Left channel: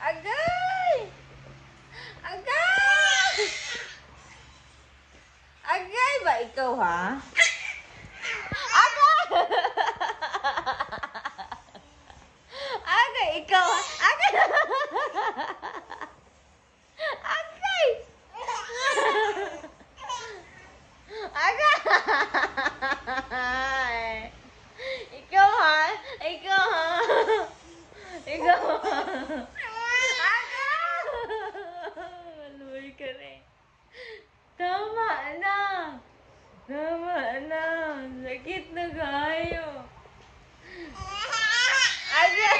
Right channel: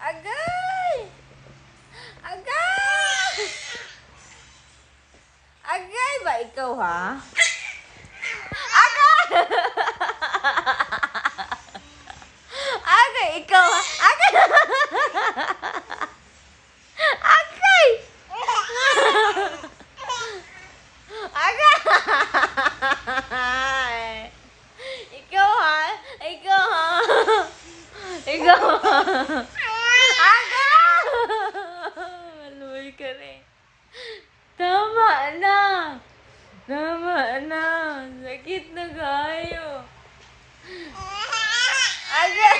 Agay! Agay! Agay ba ikaw, ha? Agay! Agay, ikaw, ha? Agay! Agay! Agay! Ikaw, ha? Ikaw, ha? Ikaw, ha? Agay! Maluwi ka rin. Tama na! Tama na! Sakit na kayo! Agay!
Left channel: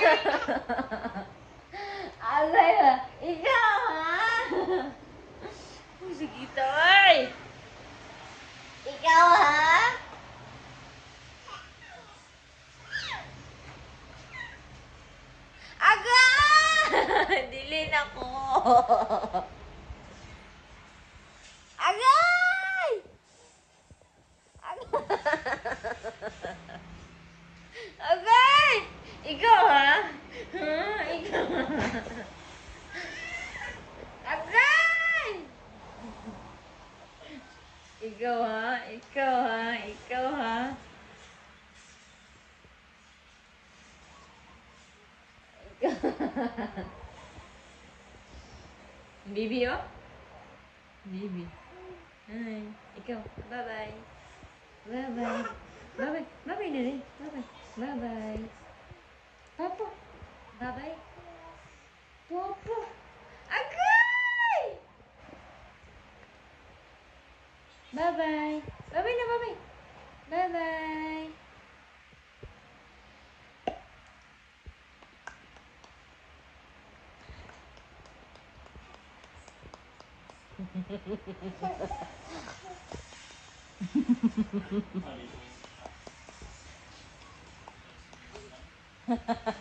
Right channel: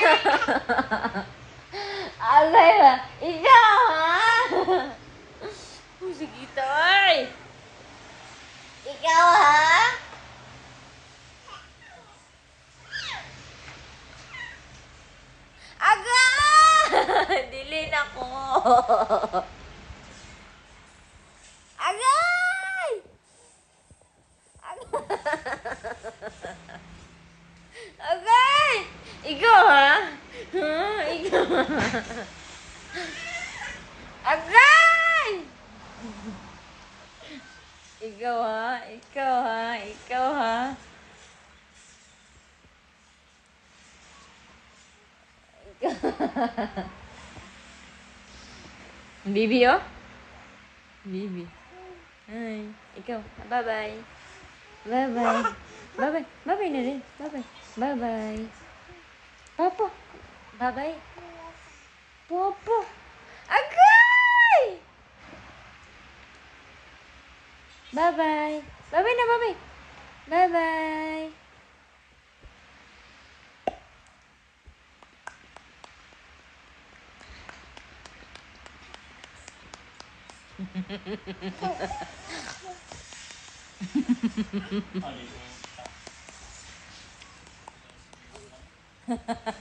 Agay ha! Ikaw ha! Sakit ay! Ikaw ha? Agay! Dilin ako! Agay! Agay! Ikaw ha? Ha? Ikaw ha? Agay! Ikaw ha? Ikaw ha? Ikaw ha? Ikaw Bibi oh? Bibi. Ay, ikaw. Bye-bye. Bye-bye. Bye-bye. Bye-bye na rin. Bye-bye. Bye-bye. Popo. Bye-bye. Popo. Agay! Bye-bye. Bye-bye na, bye-bye. Bye-bye. Ha ha ha.